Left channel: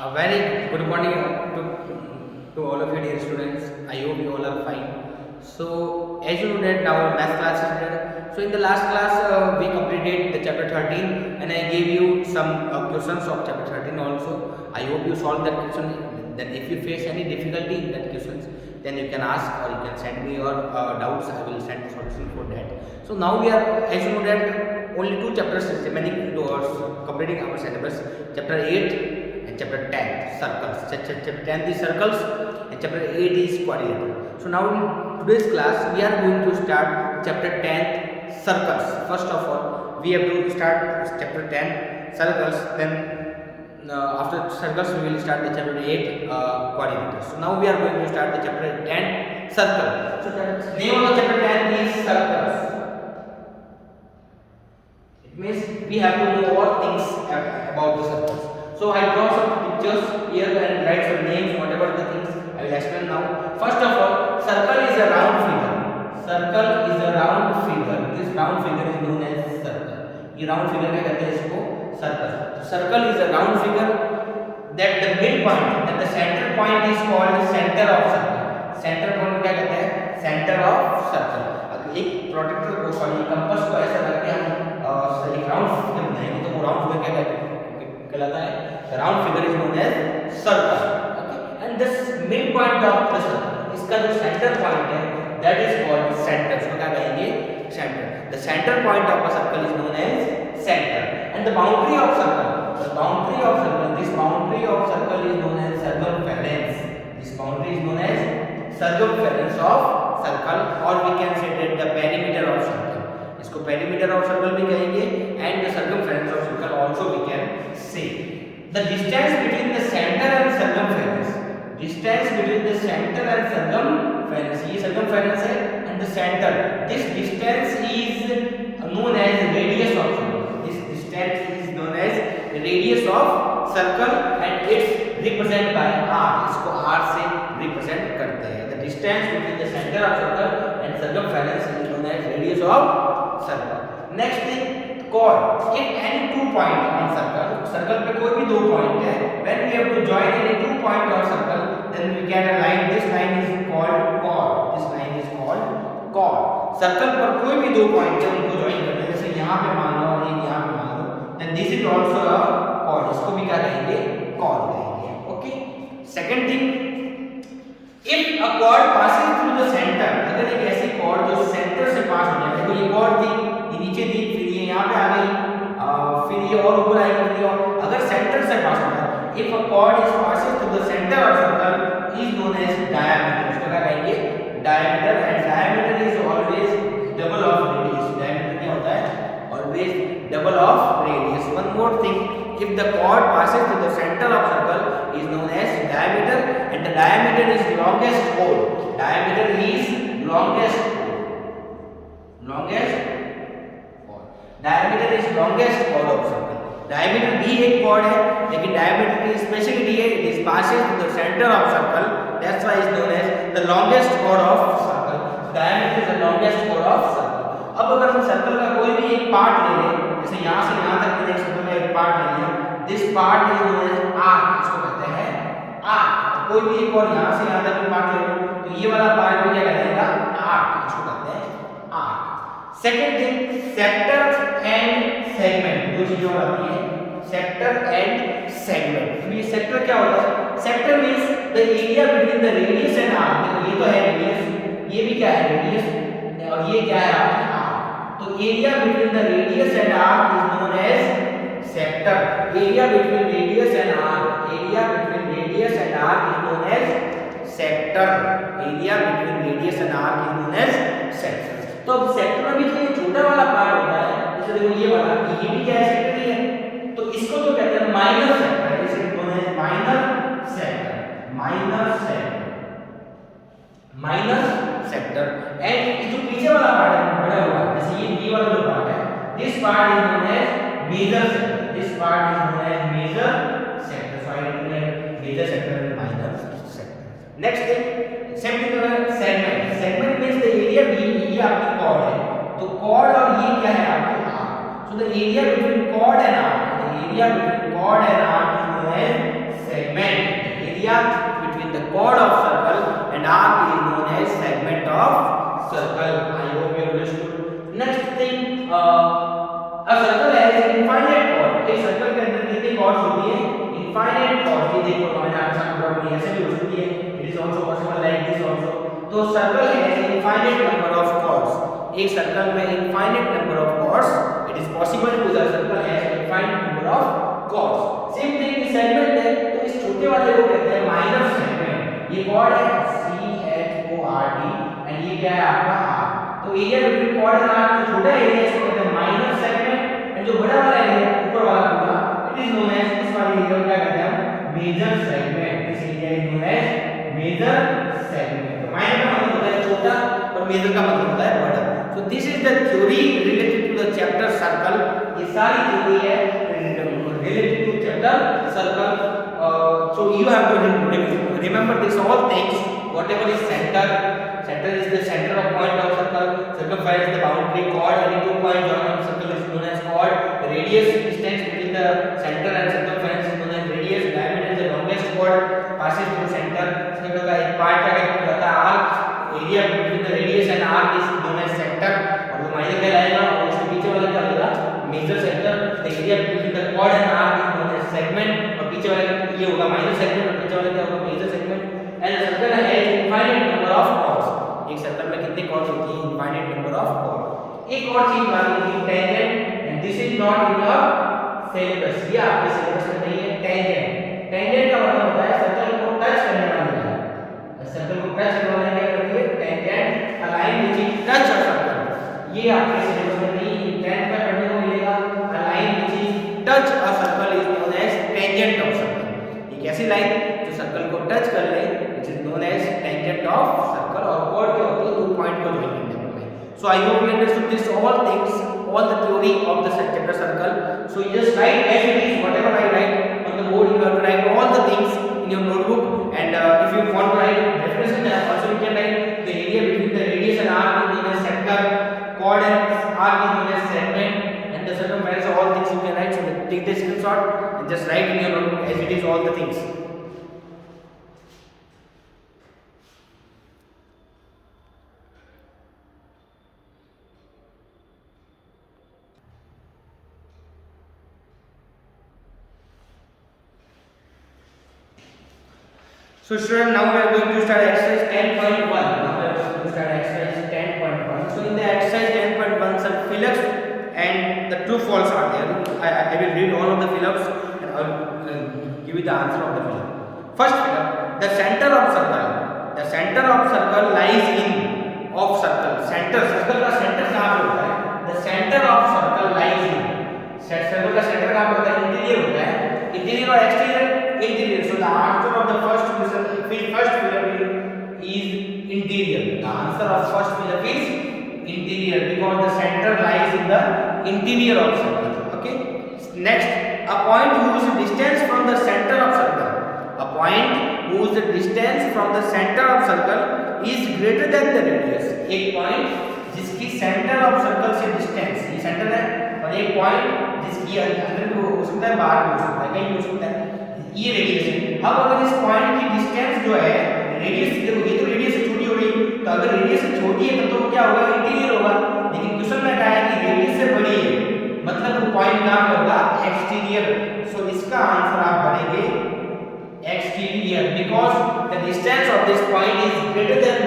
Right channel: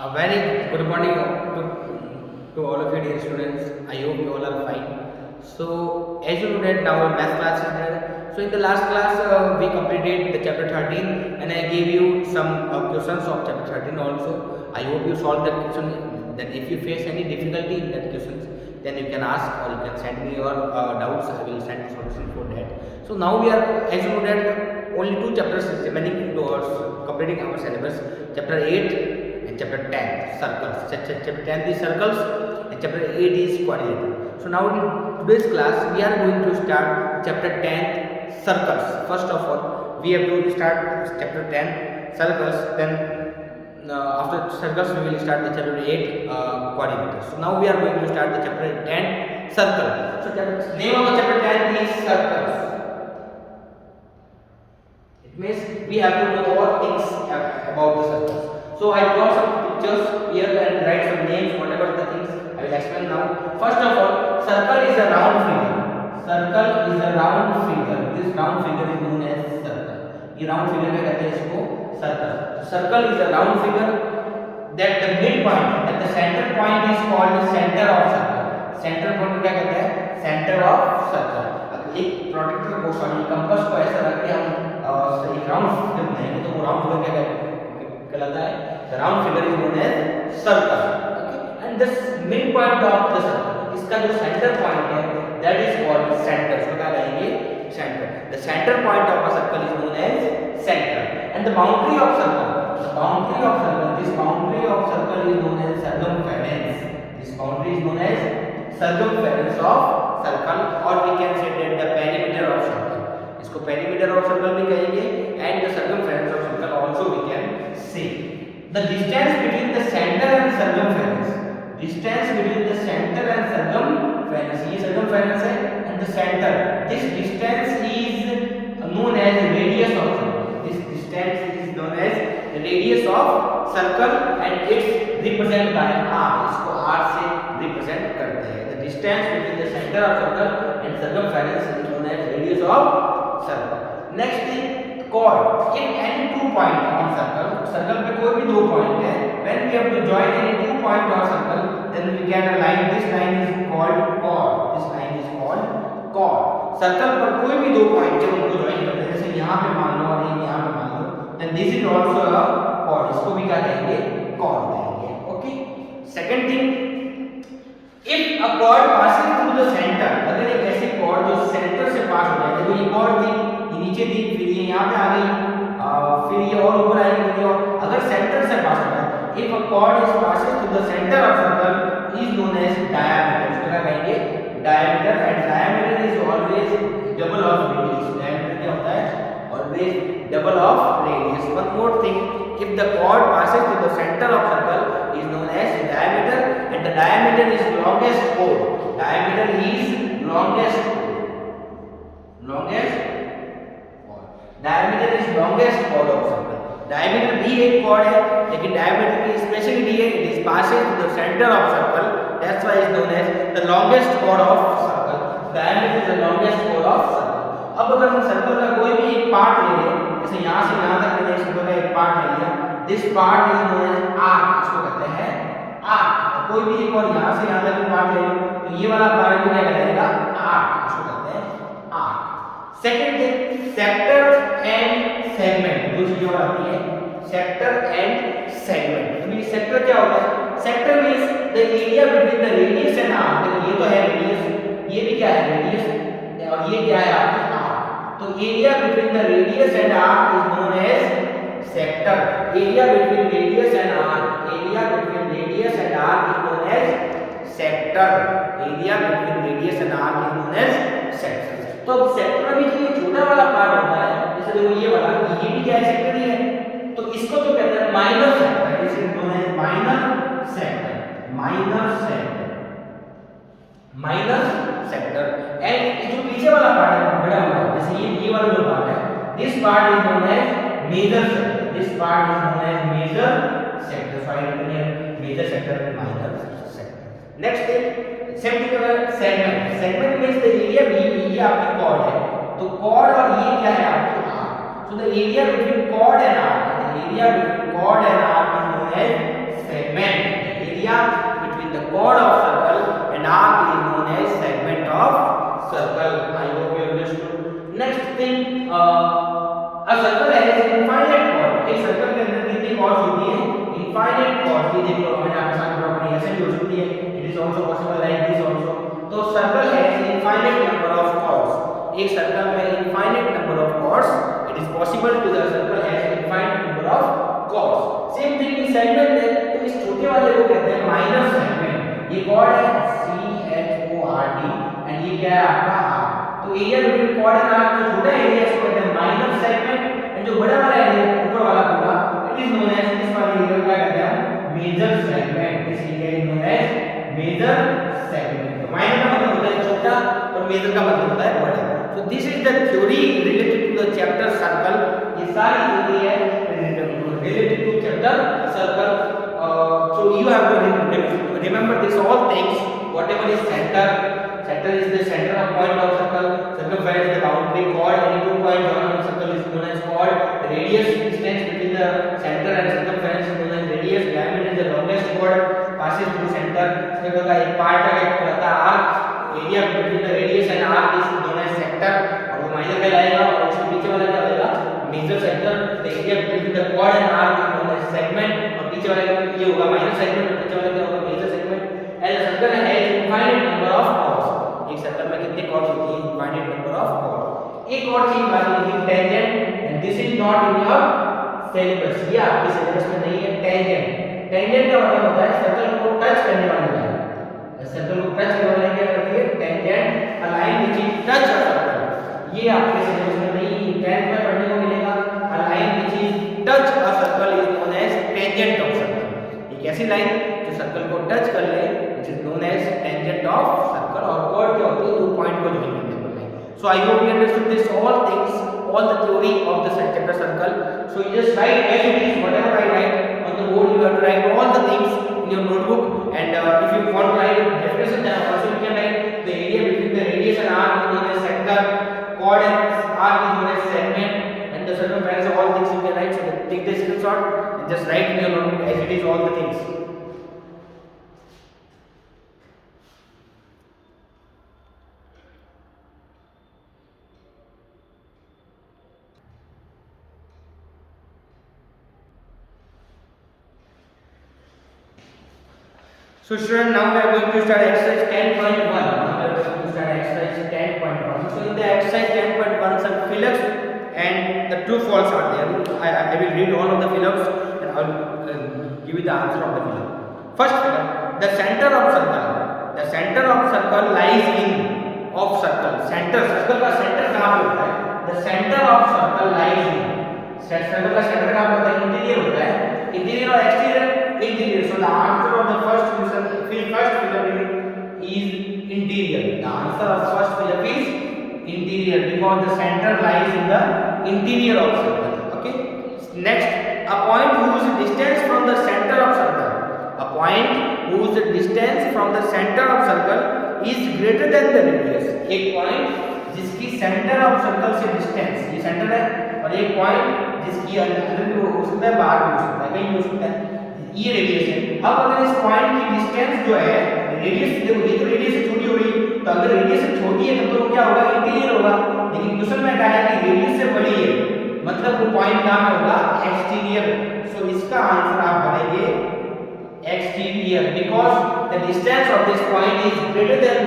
A very good morning to all of you dear students. I hope you all are fine. So as you know that now our math class is there. So in the last class we completed the chapter 13 and I gave you some questions of chapter 13 also. I hope you solved that question. Then if you face any difficulty in that questions, then you can ask or you can send me your doubts. I will send solution for that. So now we are, as you know that only two chapters is remaining towards completing our syllabus. Chapter 8 and chapter 10 circles. Chapter 10 is circles and chapter 8 is quadrilateral. So now in today's class we are going to start chapter 10 circles. First of all we have to start chapter 10 circles, then after circles we will start the chapter 8 quadrilateral. So now we are going to start the chapter 10 circle. So name of the chapter 10 is circles. It means we have to know all things about the circles. So I draw some pictures here and write some names, whatever the things I will explain now. First of all, circle is a round figure. Circle is a round figure. This round figure is known as circle. ये round figure क्या कहते हैं इसको? Circle. Circle is a round figure that the midpoint, that the center point is called center of circle. Center point क्या कहते हैं? Center of circle. एक प्रोट्रैक्टर को सॉरी कंपास को ऐसा रख के हम एक राउंड फिगर बनाएंगे तो वो राउंड फिगर क्या कहलाता है? The round figure is known as circle. Okay? And this midpoint of the circle, इसका जो center point है, that is called center. इसको क्या कहेंगे? Center. The center point of a circle is known as center. And the boundary of circle, the boundary of circle, this boundary of circle is known as circumference. This boundary is known as circumference of circle, or we can say that the perimeter of circle. इसको perimeter of circle भी कहेंगे, and the circumference of circle also we can say. The distance between the center and circumference, distance between the center and circumference, ये circumference है and the center, this distance is known as radius of circle. This distance is known as radius of circle and it's represented by r. इसको r से represent करते हैं. The distance between the center of circle and circumference is known as radius of circle. Next thing, chord. If any two point on circle, circle पे कोई भी दो point है, when we have to join any two point of circle, then we get a line. This line is called chord. This line is called chord. Circle पर कोई भी दो point है, उनको join करते हैं. जैसे यहाँ पे मान लो और यहाँ पे मान लो, then this is also a chord. इसको भी क्या कहेंगे? Chord कहेंगे. Okay. Second thing, if a chord passes through the center, अगर एक ऐसी chord जो center से pass हो जाए, तो ये chord थी, ये नीचे थी, फिर ये यहाँ पे आ गई, फिर ये और ऊपर आएगी, फिर ये और, अगर center से pass हो जाए, if a chord is passes through the center of circle is known as diameter. इसको क्या कहेंगे? Diameter, and diameter is always double of radius. Diameter क्या होता है? Always double of radius. One more thing, if the chord passes through the center of circle is known as diameter, and the diameter is longest chord. Diameter is longest chord. Longest chord. Diameter is longest chord of circle. Diameter भी एक chord है, लेकिन diameter की speciality है, it is passes to the center of circle. That's why it's known as the longest chord of circle. Diameter is the longest chord of circle. अब अगर हम सर्कल का कोई भी एक पार्ट ले लें, जैसे यहाँ से यहाँ तक मैंने सर्कल का एक पार्ट ले लिया, this part is known as arc. इसको कहते हैं arc. कोई भी एक और यहाँ से यहाँ तक का पार्ट ले लो, तो ये वाला पार्ट भी क्या कहलाएगा? arc. इसको कहते हैं arc. Second thing, sector and segment. दो चीजें और आती हैं, sector and segment. तो ये sector क्या होता है? Sector means the area between the radius and arc. देखो ये तो है radius, ये भी क्या है? radius, और ये क्या है आपकी arc. तो area between the radius and arc is known as sector. Area between radius and arc. Area between radius and arc is known as sector. Area between radius and arc is known as sector. तो अब सेक्टर में भी जो ये छोटा वाला पार्ट होता है, जैसे देखो ये वाला, ये भी क्या है? सेक्टर ही है. तो इसको तो कहते हैं माइनर सेक्टर. इसे बोलते हैं minor sector. Minor sector. Minor sector. And जो पीछे वाला पार्ट है बड़ा हुआ, जैसे ये वाला जो पार्ट है, this part is known as major sector. This part is known as major sector. So I written major sector and minor sector. Next thing, same thing है segment. Segment means the area B, ये आपकी कॉर्ड है, तो chord और ये क्या है आपकी arc. So the area between chord and arc, the area between chord and arc is known as segment. circle. I hope you understood. Next thing, a circle has infinite chord. एक सर्कल के अंदर कितनी chords होती है? Infinite chords. ये देख लो, मैंने आपके सामने ड्रॉ करी, ऐसे भी हो सकती है. It is also possible like this also. तो circle has infinite number of chords. एक सर्कल में infinite number of chords. It is possible to the circle has infinite number of chords. Same thing इस सेगमेंट है, तो इस छोटे वाले को कहते हैं माइनर सेगमेंट. ये chord है CHORD एंड ये क्या है आपका R. तो area between chord and R जो छोटा एरिया इसको कहते हैं माइनर सेगमेंट एंड जो बड़ा वाला एरिया ऊपर वाला पूरा इट इज नोन एज, इस वाले एरिया को क्या कहते हैं हम major segment. This area is known as major segment. तो माइनर का मतलब होता है छोटा और मेजर का मतलब होता है बड़ा. So this is the theory related to the chapter circle. ये सारी theory है related to chapter circle. So you have to remember this all things. Whatever is center is the center of point of circle. Circumference is the boundary. Chord, any two points join on circle is known as chord. Radius, distance between the center and circumference is known as radius. Diameter is the longest chord passes through center. So का एक part का एक रहता है arc. Area between the radius and arc is known as sector. और वो माइनर कहलाएगा और उसके पीछे वाला क्या होगा? Major sector. The area between the chord and arc is known as segment. और पीछे वाला ये होगा माइनर सेगमेंट और पीछे वाला क्या होगा? Major segment. And the circle has infinite number of chords. एक सर्कल में कितने chords होती हैं? Infinite number of chords. एक और चीज बात होती है tangent, and this is not in your syllabus. ये आपके सिलेबस में नहीं है. tangent का मतलब होता है सर्कल को टच करने वाली लाइन. सर्कल को टच करने वाली क्या होती है? tangent, a line which is touch a circle. ये आपके सिलेबस में नहीं है. 10th में पढ़ने को मिलेगा. a line which is touch a circle is known as tangent of circle. एक ऐसी लाइन जो सर्कल को टच कर ले which is known as tangent of circle. और chord क्या होती है? दो पॉइंट को ज्वाइन करने वाली line. So I hope you understood this all things, all the theory of the chapter circle. So you just write as it is, whatever I write on the board. You have to write all the things in your notebook. And if you want to write definition, then also you can write the area between the radius and arc is known as sector. Chord and arc is known as segment. And the circumference, all things you can write. So take the screenshot and just write in your notebook as it is all the things. So student, now we are going to start exercise 10.1. Now we are going to start exercise 10.1. So in the exercise 10.1, some fill-ups and the true false are there. I will read all of the fill-ups and I will give you the answer of the fill-up. First fill-up: the center of circle. The center of circle lies in of circle. Center, circle का center कहाँ पे होता है? The center of circle lies in. Circle का center कहाँ पे होता है? Interior होता है. Interior और exterior. Interior. So the answer of the first fill-up is interior. The answer of first fill-up is interior because the center lies in the interior of circle. Okay. Next, a point whose distance from the center of circle. A point whose distance from the center of circle is greater than the radius. एक point जिसकी center of circle से distance, ये center है, और एक point जिसकी अंदर हो सकता है, बाहर हो सकता है, कहीं हो सकता है, ये रेडियस है. अब अगर इस पॉइंट की डिस्टेंस जो है, रेडियस देखो, ये तो रेडियस से छोटी हो गई, तो अगर रेडियस से छोटी है तो क्या होगा? इंटीरियर होगा. लेकिन क्वेश्चन में कहा है कि रेडियस से बड़ी है, मतलब वो पॉइंट कहां पर होगा? एक्सटीरियर. सो इसका आंसर आप भरेंगे exterior because the distance of this point is greater than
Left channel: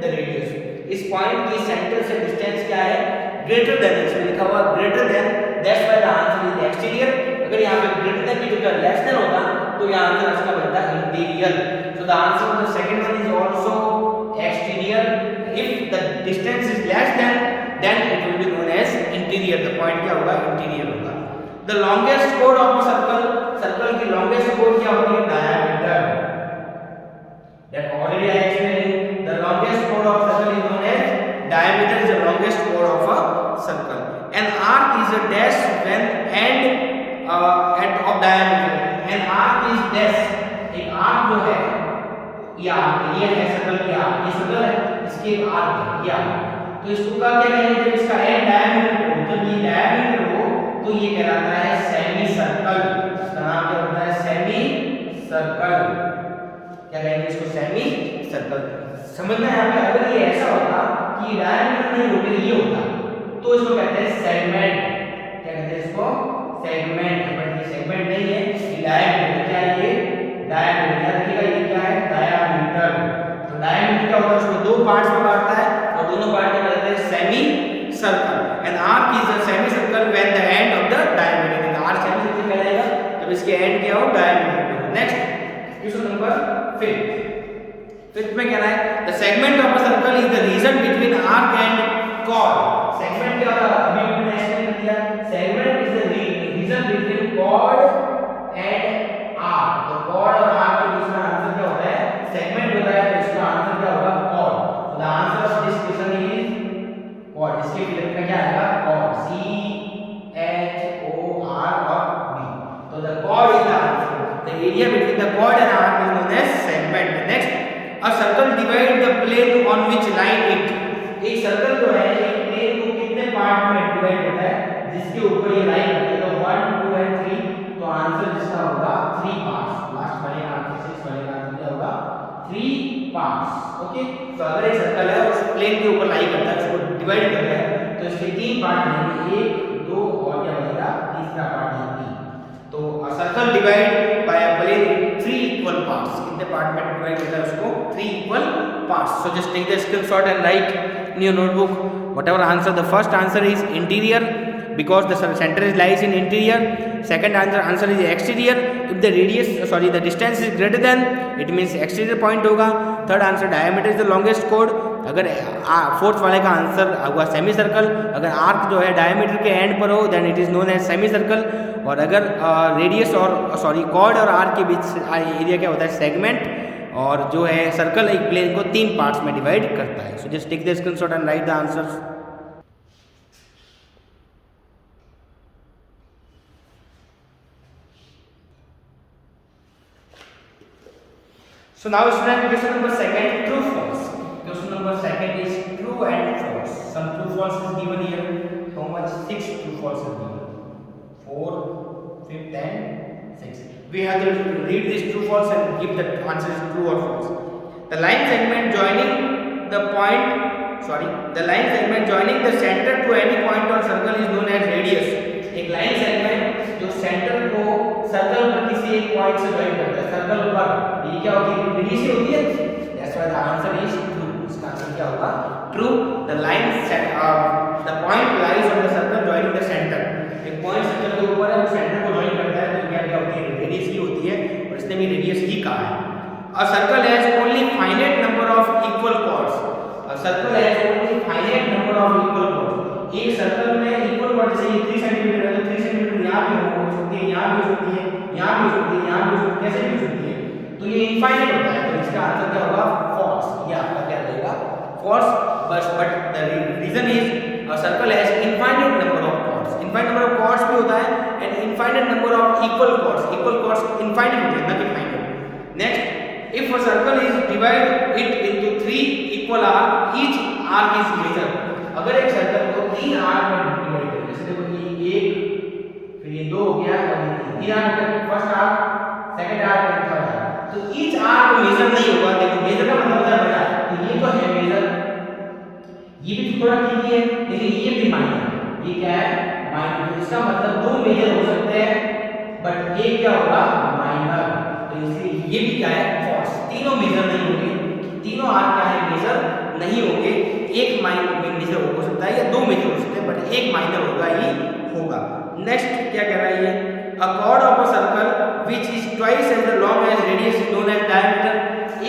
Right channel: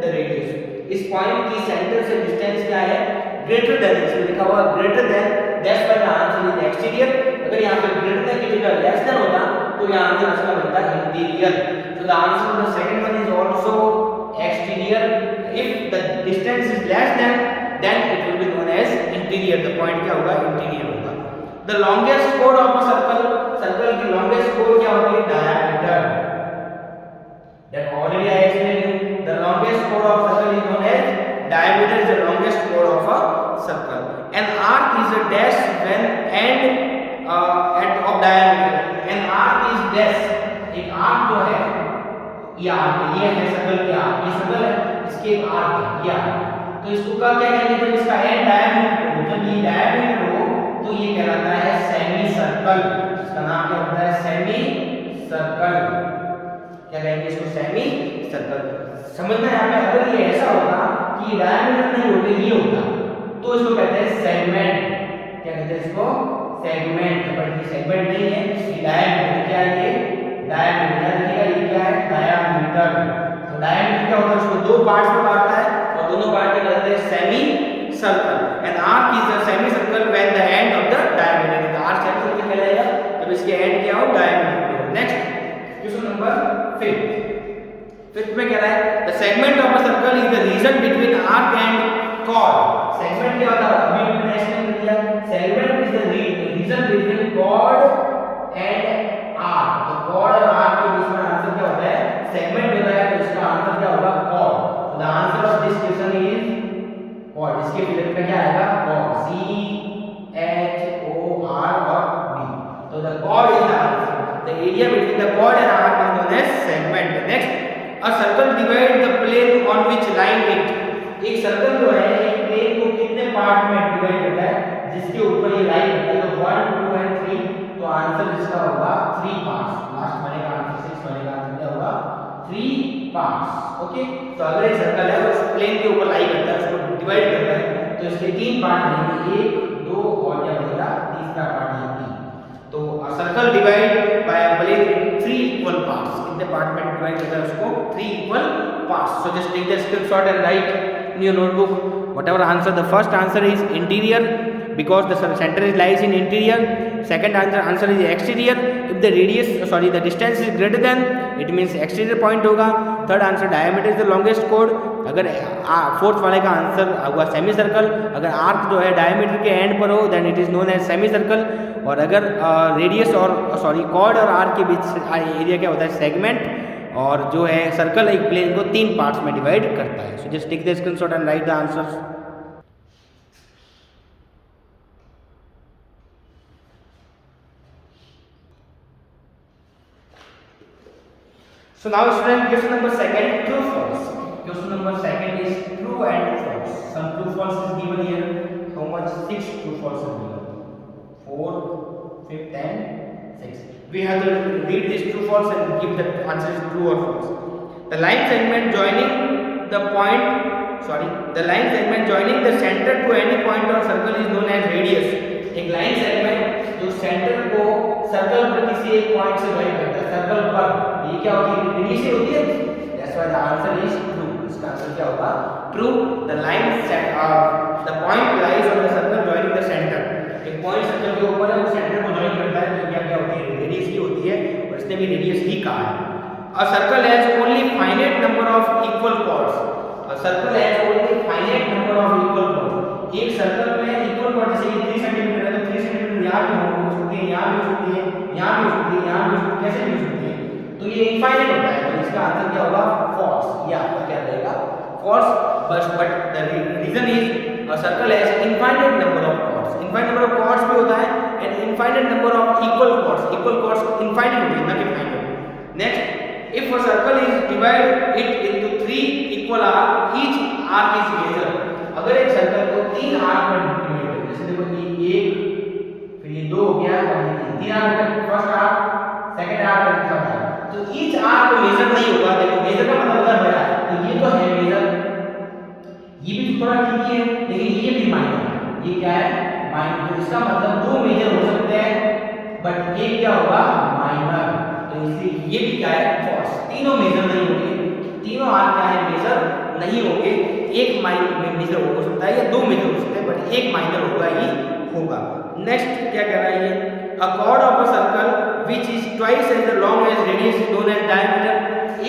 the radius. इस पॉइंट की सेंटर से डिस्टेंस क्या है? Greater than. इसमें लिखा हुआ greater than, that's why the answer is exterior. अगर यहाँ पे ग्रेटर देन की जगह लेस देन होता तो यहाँ आंसर इसका बनता है interior. So the answer of the second one is also exterior. If the distance is less than than it will be known as interior. The point क्या होगा? इंटीरियर होगा. द लॉन्गेस्ट कोड ऑफ सर्कल. सर्कल की longest कोड क्या होती है? Diameter. That already I explain you. The longest कोड of circle is known as diameter is the longest chord of a circle. An arc is a dash when end at of diameter. An arc is dash. एक arc जो है, ये arc है, ये है सर्कल की arc. ये सर्कल है, इसके एक arc है, ये arc. तो इसको क्या कहेंगे? जब इसका end diameter हो, जब ये diameter हो, तो ये कहलाता है सेमी सर्कल. इसका नाम क्या होता है? Semi circle. क्या कहेंगे इसको? Semi circle. समझना यहाँ पे, अगर ये ऐसा होता कि कि डायमीटर नहीं होके ये होता तो इसको कहते हैं सेगमेंट। क्या कहते हैं इसको? सेगमेंट। बट ये सेगमेंट नहीं है, ये डायमीटर। क्या है ये? डायमीटर। याद रखिएगा ये क्या है? डायमीटर। तो डायमीटर क्या होता है? उसको दो पार्ट्स में बांटता है और दोनों पार्ट में कहते हैं semi circle. And arc is a semi circle when the end of the diameter. Arc semi circle कहलाएगा जब इसके एंड क्या हो? डायमीटर। नेक्स्ट क्वेश्चन नंबर 5 में कह रहा है the segment of a circle is the region between arc and chord. Segment क्या होता है? अभी मैंने एक्सप्लेन कर दिया। Segment is the region between chord and arc. तो कॉर्ड और आर्क के बीच में आंसर क्या होता है? सेगमेंट होता है। तो इसका आंसर क्या होगा? कॉर्ड। तो the answer of this question is chord. इसके फिगर में क्या आएगा? कॉर्ड। CHOR और D। तो the chord is the answer. The area between the chord and arc is known as segment. Next, a circle divides the plane on which line it. एक सर्कल जो है एक प्लेन को कितने पार्ट में डिवाइड करता है जिसके ऊपर ये लाइन होता है? तो 1, 2 एंड 3। तो आंसर इसका होगा 3 पार्ट्स। लास्ट बनेगा आंसर 6 बनेगा। आंसर क्या होगा? 3 पार्ट्स। ओके। तो अगर एक सर्कल है उस प्लेन के ऊपर लाई करता है, उसको डिवाइड करता है, तो इसके 3 पार्ट बनेंगे। 1, 2 और क्या बनेगा? तीसरा पार्ट है 3। तो circle divide by a plane in 3 equal parts. कितने पार्ट में डिवाइड करता है उसको? 3 equal parts. So just take the screenshot and write in your notebook whatever answer. The first answer is interior because the center is lies in interior. Second answer is exterior. If the the distance is greater than, it means exterior point होगा. Third answer diameter is the longest chord. अगर फोर्थ वाले का आंसर होगा semi circle. अगर आर्क जो है डायमीटर के end पर हो then it is known as semicircle. और अगर रेडियस और कॉर्ड और आर्क के बीच एरिया क्या होता है? सेगमेंट। और जो है सर्कल एक प्लेन को 3 पार्ट्स में डिवाइड करता है। So just take the screenshot and write the answers. So now student, question number 2, true false. Question number 2 is true and false. Some true false is given here. How much? 6 true false is given. 4, 5 and 6. We have to read this true false and give the answer is true or false. The line segment joining the center to any point on circle is known as radius. एक line segment जो सेंटर को सर्कल पर किसी एक पॉइंट से ज्वाइन करता है, सर्कल पर, ये क्या होती है? रेडियस होती है। That's why the answer is true. इसका आंसर क्या होगा? True. The point lies on the circle joining the centre. एक पॉइंट सर्कल के ऊपर है, वो सेंटर को जॉइन करता है, तो क्या होती है? रेडियस ही होती है। और इसने भी रेडियस ही कहा है। A circle has only finite number of equal chords. A circle has only finite number of equal chords. एक सर्कल में इक्वल कॉर्ड, जैसे ये 3 सेंटीमीटर है तो 3 सेंटीमीटर यहाँ भी हो सकती है, यहाँ भी हो सकती है, यहाँ भी हो सकती है, यहाँ भी हो सकती है, कैसे भी हो सकती है। तो ये इनफाइनाइट होता है। तो इसका आंसर क्या होगा? फॉल्स। ये आपका क्या रहेगा? False. But the reason is a circle has infinite number of chords. Infinite number of chords भी होता है and infinite number of equal chords. Equal chords infinite होते हैं, ना कि finite. Next, if a circle is divide it into 3 equal arc, each arc is major. अगर एक सर्कल को 3 आर्क में डिवाइड करें, जैसे देखो ये 1, फिर ये 2 हो गया और ये 3 आर्क हो गया। First arc, second arc and third arc. तो ईच आर्क को मेजर नहीं होगा। देखो मेजर का मतलब होता है बड़ा। तो ये तो है मेजर, ये भी थोड़ा ठीक ही है, लेकिन ये भी माइनर है। ये क्या है? माइनर। तो इसका मतलब 2 मेजर हो सकते हैं बट एक क्या होगा? माइनर। तो इसलिए ये भी क्या है? फॉल्स। तीनों मेजर नहीं होंगे। तीनों आर्क क्या है? मेजर नहीं होंगे। एक माइनर मेजर हो सकता है या 2 मेजर हो सकते हैं बट एक माइनर होगा ही होगा। नेक्स्ट क्या कह रहा है ये? A chord of a circle which is twice as long as radius is known as diameter.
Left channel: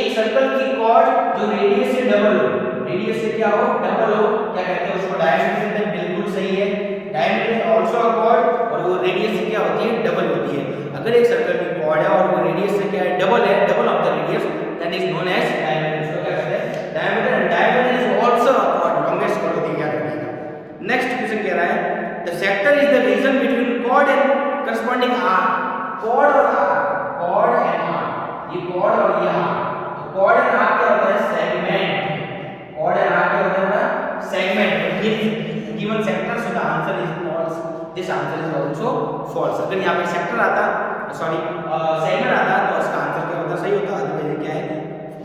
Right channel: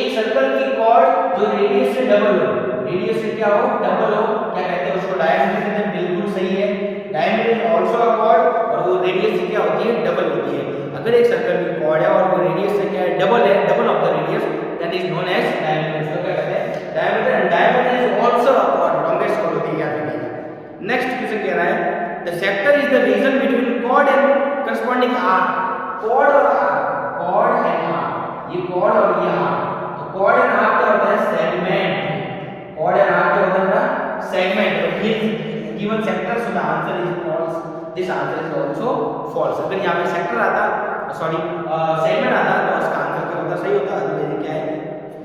एक सर्कल की कॉर्ड जो रेडियस से डबल हो, रेडियस से क्या हो? डबल हो, क्या कहते हैं उसको? डायमीटर कहते हैं। बिल्कुल सही है। Diameter is also a cord और वो रेडियस से क्या होती है? डबल होती है। अगर एक सर्कल की कॉर्ड है और वो रेडियस से क्या है? डबल है, double of the radius, that is known as diameter. इसको क्या कहते हैं? Diameter. And diameter is also a chord, longest chord होती है, याद रखिएगा। नेक्स्ट क्वेश्चन कह रहा है the sector is the region between chord and corresponding arc. Chord और आर्क, कॉर्ड एंड आर्क, ये कॉर्ड और ये आर्क। तो कॉर्ड एंड आर्क क्या होता है? सेगमेंट। कॉर्ड एंड आर्क क्या होता है? सेगमेंट। तो ये given sector, so the answer is false. This answer is also false. अगर यहाँ पे सेक्टर आता, सॉरी सेगमेंट आता तो इसका आंसर क्या होता? सही होता। अदरवाइज क्या है?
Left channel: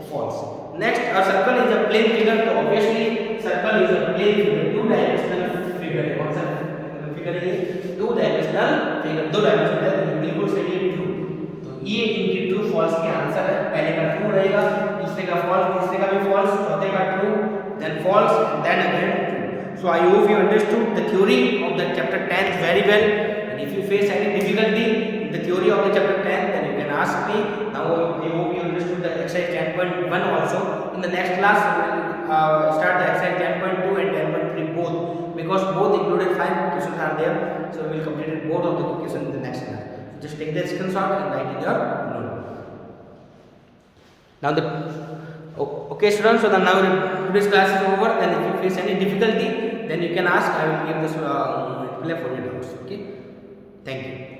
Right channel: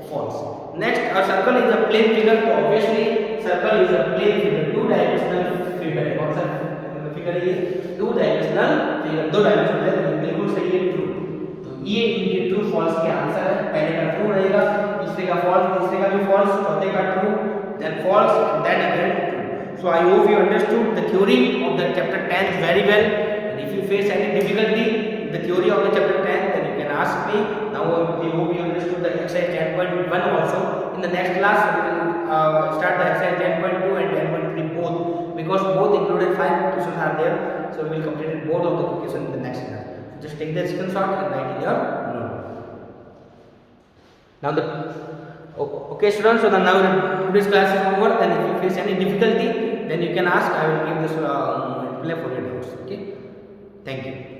False. Next, a circle is a plane figure. So obviously, circle is a plane figure, two-dimensional figure. कौन सा figure है ये? Two-dimensional figure. दो dimension है, तो बिल्कुल सही है, true. तो ये इनके true false के आंसर है. पहले का true रहेगा, दूसरे का false, तीसरे का भी false, चौथे का true, then false, and then again true. So I hope you understood the theory of the chapter 10 very well. And if you face any difficulty in the theory of the chapter 10, then you can ask me. Now I hope you understood the exercise 10.1 also. In the next class, we will start the exercise 10.2 and 10.3 both, because both included 5 questions are there. So we will complete both of the questions in the next class. Just take the screenshot and write in your notebook. Now okay students, so now today's class is over. Then if you face any difficulty, then you can ask. I will give this reply for your doubts. Okay, thank you.